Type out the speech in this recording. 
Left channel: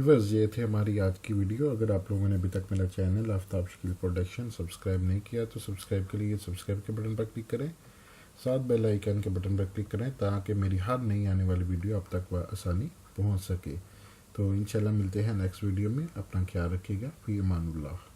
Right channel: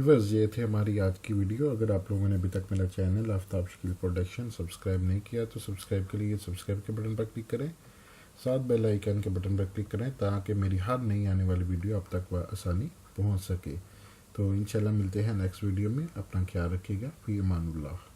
व्यूवर्स, ये थे हमारी आज की वीडियो। अगर आप लोगों ने अभी तक मेरा चैनल आफ्ताब शकील प्रोडक्शन सब्सक्राइब नहीं किया तो सब्सक्राइब के लिए सब्सक्राइब के बटन पर क्लिक करें, साथ बेल आइकन के बटन पर क्लिक करें ताकि मेरी हर नई आने वाली वीडियो आप तक आसानी पहुंच सके। तो इंशाल्लाह मिलते हैं नेक्स्ट वीडियो में। अपना ख्याल रखिएगा। फी अमानुल्लाह।